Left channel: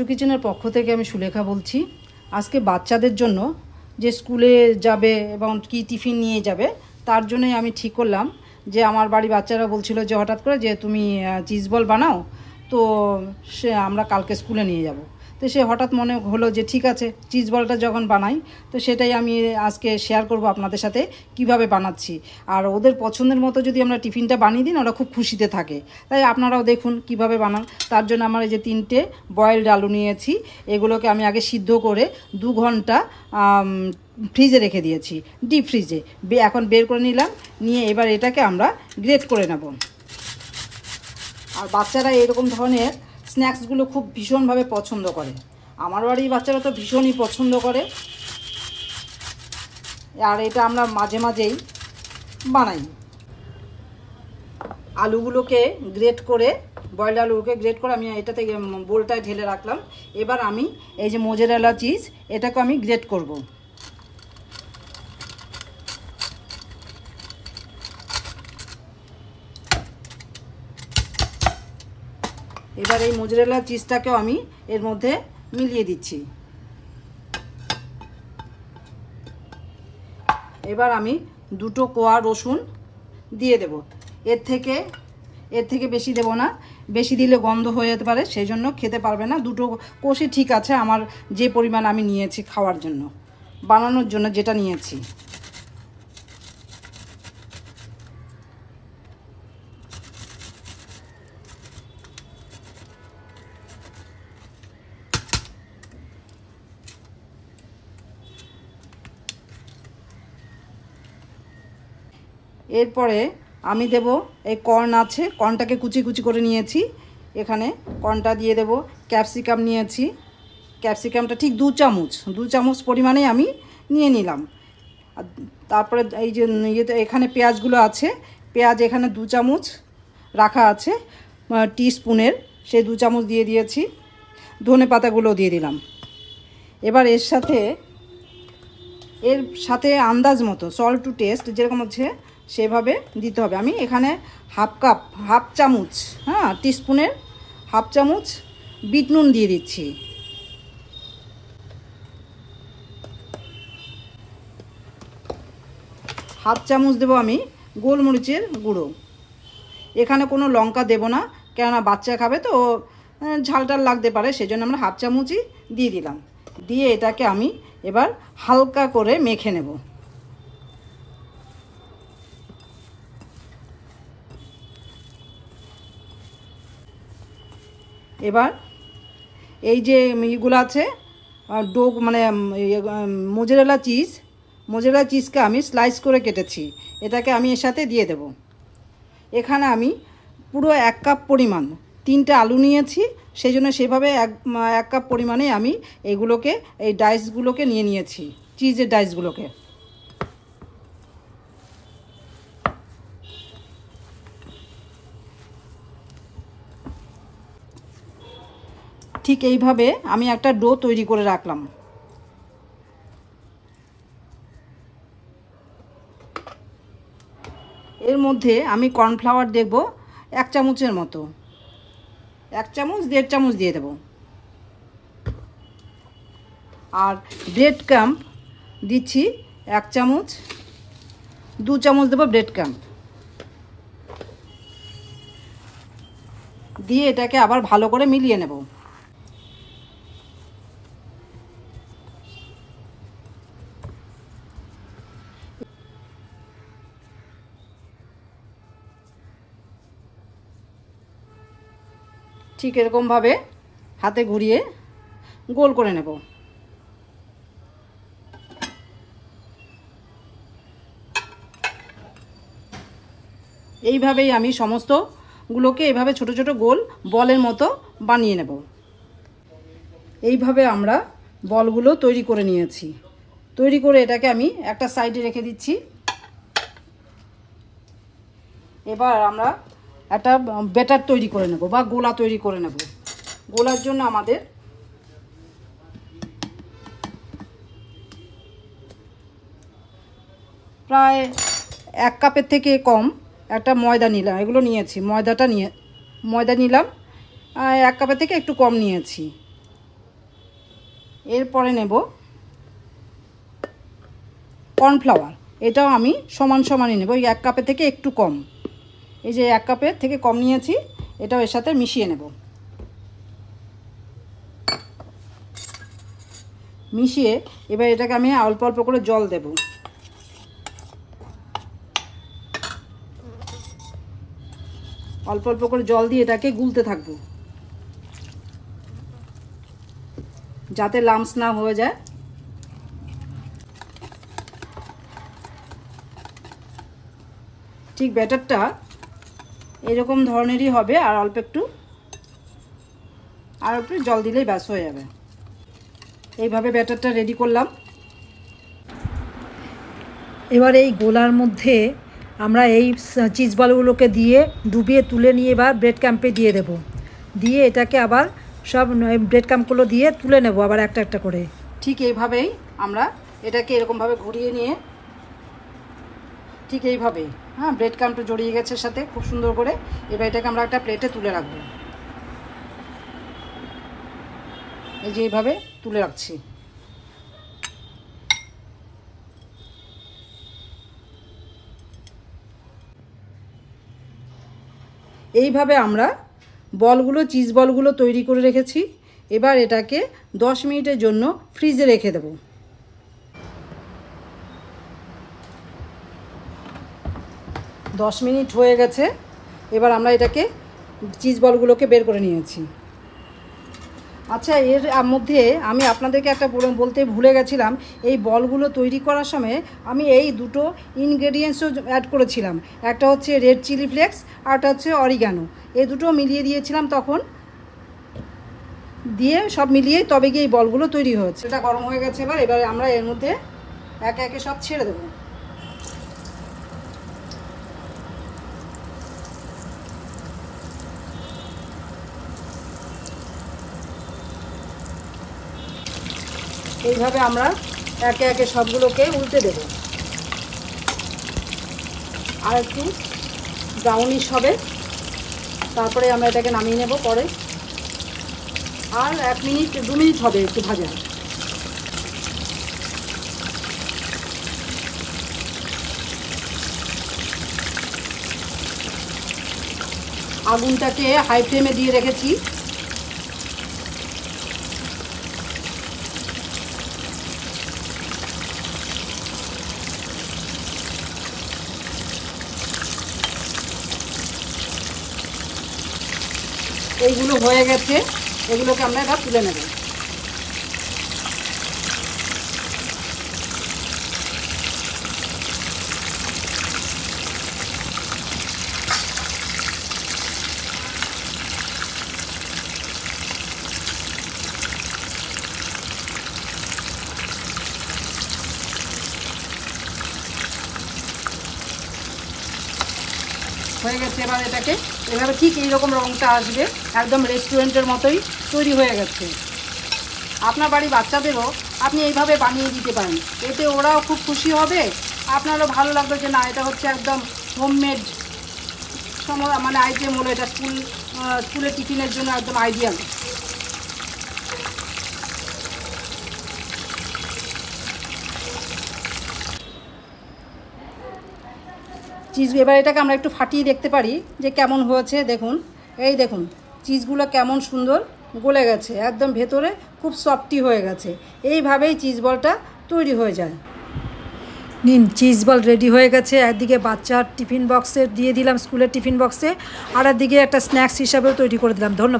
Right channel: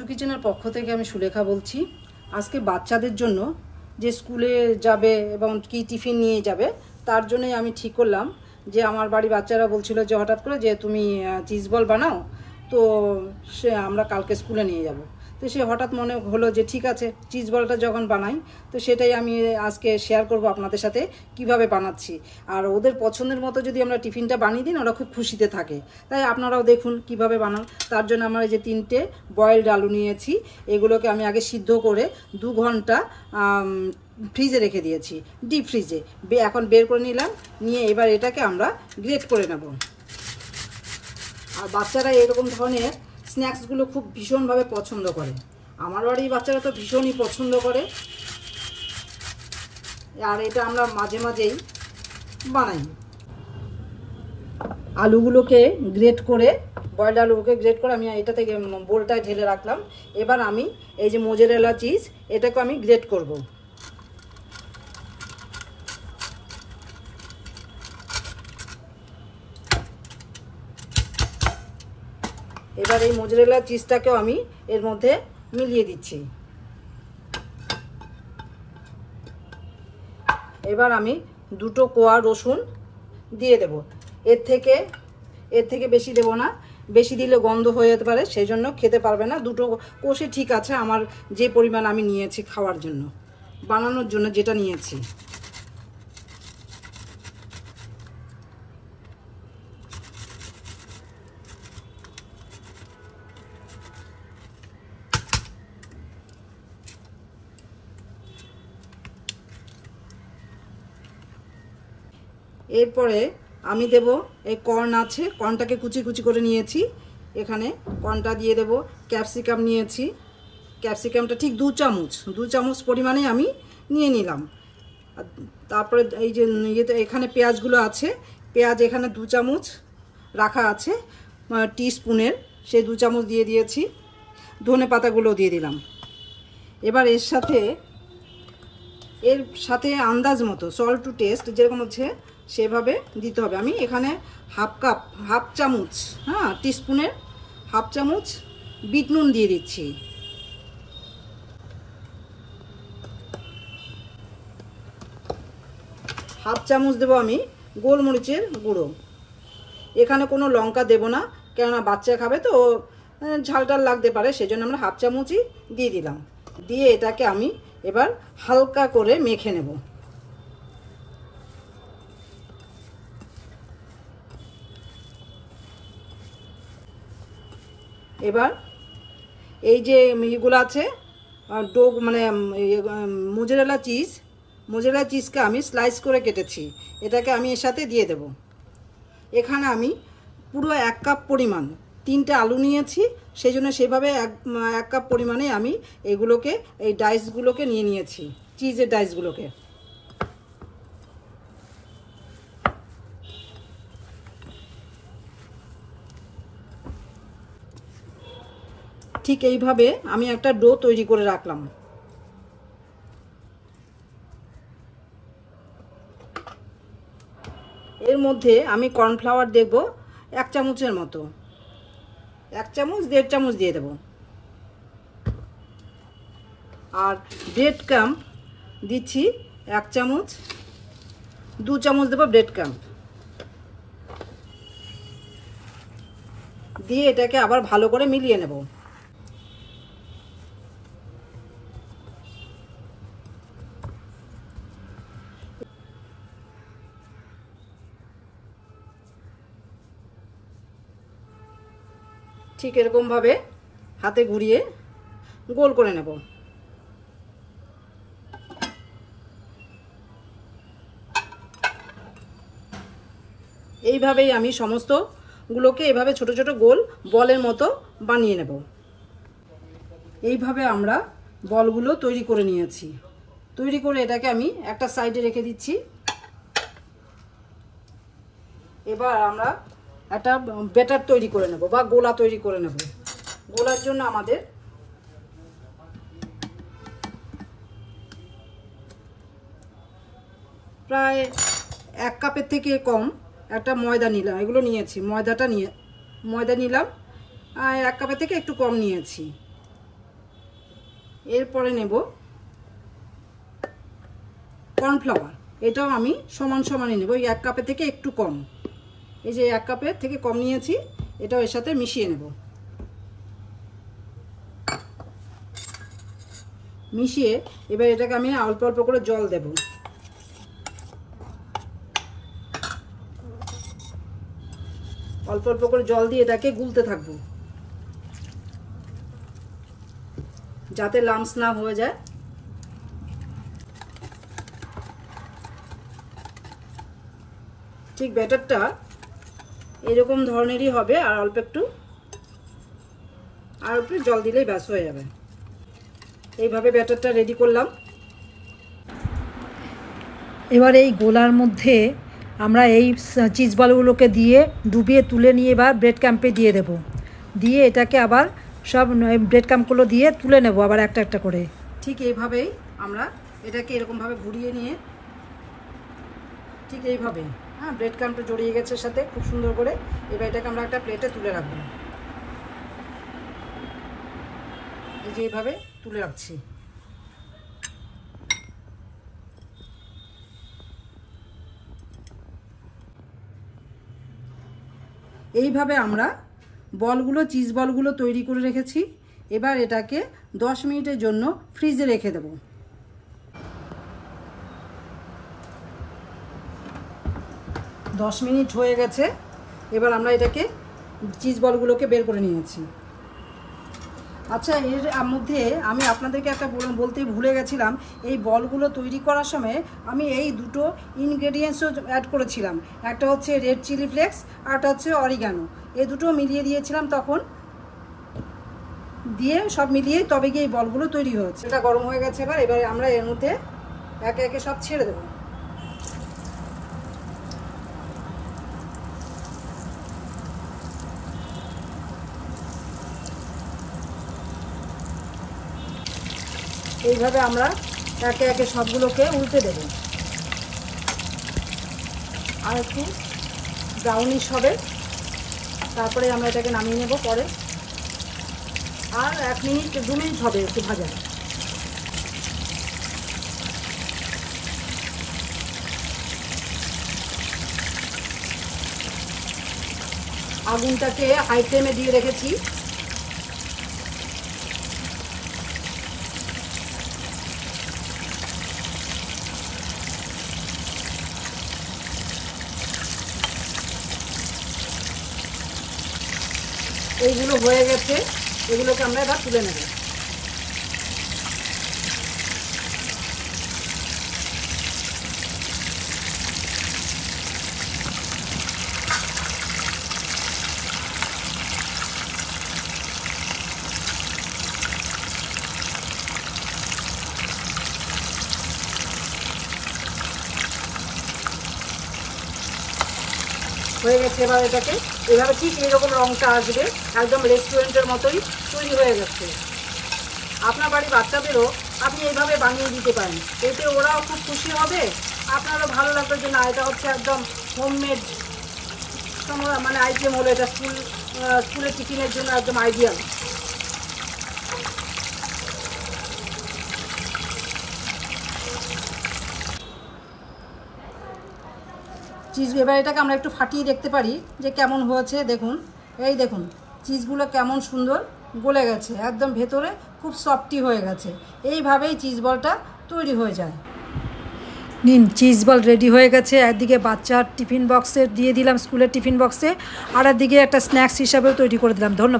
আর্য কিচেনের পক্ষ থেকে আমি সুলেখা বলছি। আজকে বাচ্চাদের জন্য যে স্কুলে যাবে এবং কি টিফিন নিয়ে যাবে তার জন্যই আমি ঠিক করলাম যে আমার বাড়ি বাচ্চারা বলছিল যে হঠাৎ করে যে তুমি চিজ বল বানাও, তো সে আমরা কালকে স্কুলে নিয়ে যাব। তো সে হঠাৎ মনে হলো যে ঠিক আছে চিজ বলটা যখন বানাই তো সেটাই আমি আজকে শেয়ার করব আপনাদের সাথে কিভাবে বানাচ্ছি। আর ওদের পছন্দের মতো যদি আমরা টিফিনটা বানিয়ে দিন ওরা খুব খুশিতে থাকে। তাই আপনারাও দেখুন কিভাবে বানান। তার জন্য আমার এই যে 3টে বয়েলড আলু নিয়েছি, এগুলোকে আমি আগে সিদ্ধ করে 2 ঘন্টা ফ্রিজে রেখে দিয়েছি, ডিপ ফ্রিজে। এখন বের করে নিলাম, নিয়ে এবার এটাকে আমরা গ্রেট করে নেব। আর বাচ্চারা এরকম ধরনের স্ন্যাক্সগুলো খুব ভীষণভাবে পছন্দ করে। আমার বাড়ির বাচ্চারা তো ভীষণই পছন্দ করে, আর এটা আমরা মাঝে মাঝেই বানাই। আলুগুলোকে গ্রেট করে, বয়েলড আলুগুলোকে গ্রেট করে আমি এটাতে বোলটায় ঢেলে রাখলাম। এবার আমি এই যে মোজারেলা চিজ, এটাকে আমি গ্রেট করব। এবার এই মোজারেলা চিজটাকেও আমি এর মধ্যে মিলিয়ে দিচ্ছি। এবার আমি 2টো কোয়া রসুন দিয়ে দেব। এর থেকে বেশি দেব না, বেশি দিলে গন্ধ হয়ে যেতে পারে, সেই জন্য খেতে পারবে না। 2টো কোষে ঠিক আছে আমার যে পরিমাণ আমি নিয়েছি খাওয়ার জন্য, বানানোর জন্য যেটা নিয়েছি। এরপরে আমি দেব এই কর্ন আছে, কর্নটাকে কুচি কুচি করে নিয়েছি, এখানে কর্নটা দিয়ে দেব। ক্যাপসিকাম নিয়েছি, ক্যাপসিকামটা ঠিক 2 চামচ পরিমাণে আমি নিয়ে নিলাম। তারপরে এই যে এখানে পেঁয়াজগুলো আছে, পেঁয়াজ এখানে 2 চামচ রাখা আছে টিস্পুনের, সেই 2 চামচ দিয়ে দিয়েছি। ধনে পাতাগুলো দিয়ে দিলাম। এবার এর সাথে আন্দাজ মতো সল্ট টু টেস্ট যেরকম হচ্ছে সেভাবে দিতে হবে। আমি এখানে হাফ চামচ টিস্পুনের হাফ চামচ বিট নুন দিয়ে দিচ্ছি। হাফ চামচ দেবো আমি গোলমরিচের গুঁড়ো। এখানে কোনো লঙ্কা দেব না, কেননা বাচ্চা খাবে তো ঝালটাল লাগতে পারে, সেজন্য আমরা হাফ চামচই দিয়ে দিলাম। দিয়ে এটাকে আমি এবার হালকা করে মেখে নেব। এবার এই যে ইগুলো আছে ডো মানে মোজারেলা চিজকে আমি স্লাইস করে কেটেছি, এটাকে আমি এর সাথে দিয়ে দেব। এখানে আমি পুরো 1 কাপ পরিমাণ 3টে আলু নিয়েছি, সেই জন্য সেভাবে 1 কাপ পরিমাণে আমি এইগুলোকে এই ডাইসগুলোকে নিয়ে নিয়েছি, চিজের ডাইসগুলোকে। ঠিক এইভাবে আমি একটা ডো তৈরি করে রাখলাম। এর মধ্যে আমি কর্নফ্লাওয়ার দেব 1 চামচের মতো, 1 চামচ 1.5 চামচ দিয়ে দেব। আর ব্রেড ক্রাম্ব দিচ্ছি 1 চামচ, 2 চামচ দেবো ব্রেড ক্রাম্ব দিয়ে এটাকে আবার ভালো করে মিলিয়ে নেব। ঠিক এরকমভাবে হাতে ঘুরিয়ে গোল করে নেব। এইভাবেই আমি সমস্তগুলোকে এইভাবে ছোট ছোট গোল বলের মতো বানিয়ে নেব। এইভাবে আমরা বলগুলো তৈরি করে নিয়েছি। তৈরি করে এটাকে আমি একটা সাইডে রেখে দিচ্ছি। এবার আমরা একটা ব্যাটার তৈরি করে নেব বা গোলা তৈরি করে নেব। গোলার জন্য আমাদের প্রায় 1 কাপের থেকে কম একটা ময়দা নিলাম, এগুলো নিয়েছি ময়দা নিলাম 1 কাপের থেকে একটু কম নিয়েছি। এরপরে নেব কর্নফ্লাওয়ার। এটাও আমি সমান সমানই নেব, এই 1 কাপের থেকে একটু কম। এই যে 1 কাপের থেকে কম নিয়েছি, এটাও এর সাথে মিশিয়ে নেব। মিশিয়ে এবার এটাকে আমি অল্প অল্প করে জল দেব। অল্প অল্প করে জল দিয়ে এটাকে গুলতে থাকবো যাতে লাম্পস না হয়ে যায়। ঠিক ব্যাটারটা এরকম ধরনেরই হবে, আর অল্প একটু জল দিলেই ব্যাস হয়ে যাবে। এইভাবে ব্যাটারটা রেডি করলাম। এবার এই গোলার মধ্যে আমরা এই চিজ বলগুলোকে দিয়ে ডুবিয়ে তুলে নিয়ে এবার ব্রেড ক্যাম্পে দিয়ে দেব। দিয়ে এটাকে আবার সব ব্রেড ক্যাম্পগুলো দিয়ে তুলে নেব আবার একটা একটা করে। ঠিক এইভাবেই আমরা এটাকে এরকমভাবে ঘুরিয়ে নিয়ে ঠিক এইভাবেই, হ্যাঁ, ব্রেড ক্যাম্পটা জড়িয়ে গেছে সাথে খুব সুন্দর করে। এবার এটাকে আমরা একটা প্লেটে তুলে রাখবো। এই যে এইভাবে তুলে রাখছি। এইভাবে আমরা বলগুলো, চিজ বলগুলো তৈরি করে রেখেছি। এবার এটাকে 10 মিনিটের জন্য ফ্রিজে রেখে দেব। 10 মিনিট হয়ে গেছে। এবার আমরা এটাকে চিজ বলগুলোকে বের করে নিয়েছি। আচ্ছা, এর মধ্যে আমি আপনাদেরকে একটা বলতে ভুলে গেছিলাম। এই বলগুলো তৈরি করার সময় আমি এই দুটো ইনগ্রেডিয়েন্টসও অ্যাড করেছিলাম। একটা হচ্ছে রেড চিলি ফ্লেক্স, আর একটা হচ্ছে অরিগানো। এই দুটো মিলিয়ে দিয়েছিলাম তখন, দিয়ে সব মিলিয়ে তবে গিয়ে এই বলগুলো তৈরি হয়েছে। এটা গরম হয়ে গেছে। এবার আমরা এর মধ্যে একে একে সব ছেড়ে দেবো। এইভাবে আমরা একে একে সবগুলোকে উল্টে দেব। আর একটু ব্রাউনিশ হবে, তারপরে আমরা এটাকে নামিয়ে নেব পরে। আর 1 মিনিট 2 মিনিট হবে একটু ভাজা। আগুনটাকে হাই ফ্লেমে দিয়ে রেখেছি। এইগুলো হয়ে গেছে, এগুলোকে আমরা এবার তুলে নেব। হয়ে গেছে। এবার এটাকে এভাবে ঠিক এইরকম রঙটা আসবে, একদম রেস্টুরেন্টের মতোই তৈরি হয়ে গেছে। আপনার বাড়ির বাচ্চাদেরও আপনি এইভাবে বানিয়ে দিতে পারেন, এতে ওরাও খুব খুশি হবে, আপনারও ভালো লাগবে যে না এটা হচ্ছে একদম হোমমেড মানে আইটেম হলো। এটা স্কুলে টিফিনের জন্য একদম আইডিয়াল। চিজ এবার এটাকে আমরা একটু ফাটিয়ে দেখতে পারি যে কেমন হয়েছে। দেখুন, এই দেখুন চিজগুলো কেমন সুন্দর গলে গেছে, একদম ভেতরে খুব সফটি হয়ে গেছে। এইভাবেই চিজ বলটা তৈরি হয়ে যায়। নিন, চিজ বল রেডি হয়ে গেছে। একদিকে বাচ্চার টিফিন বক্সে দিয়ে দিলাম, স্কুলের টিফিন বক্সে, আর একদিকে একটা স্ন্যাক্স হিসাবেও তৈরি করে দিলাম। ধন্যবাদ।